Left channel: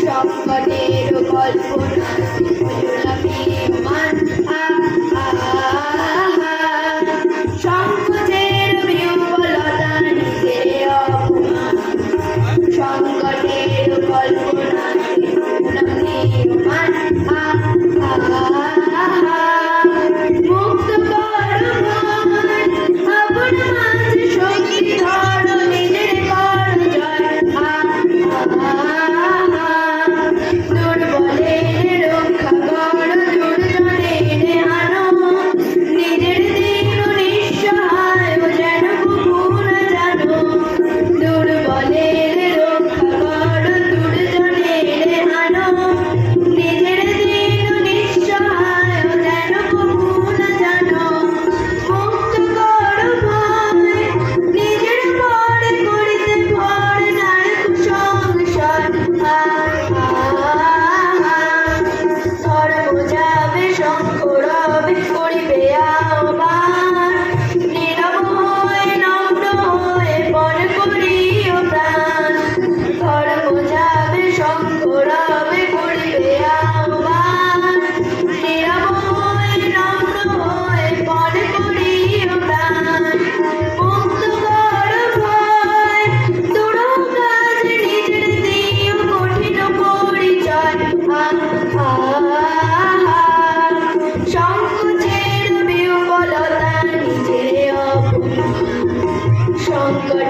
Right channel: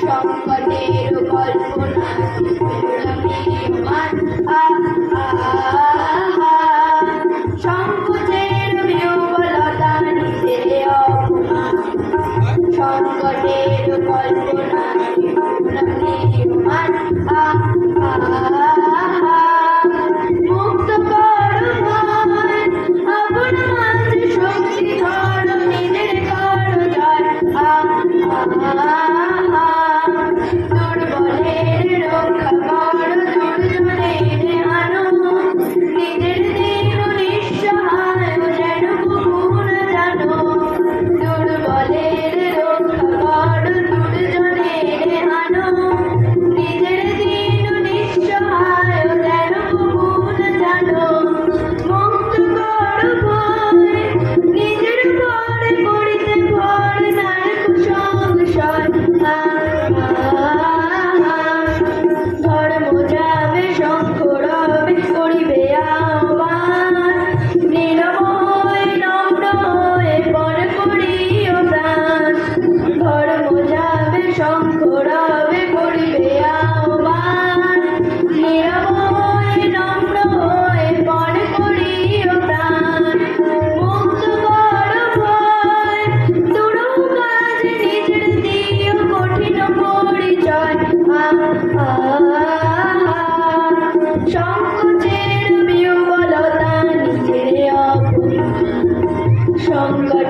সংকটে অপমান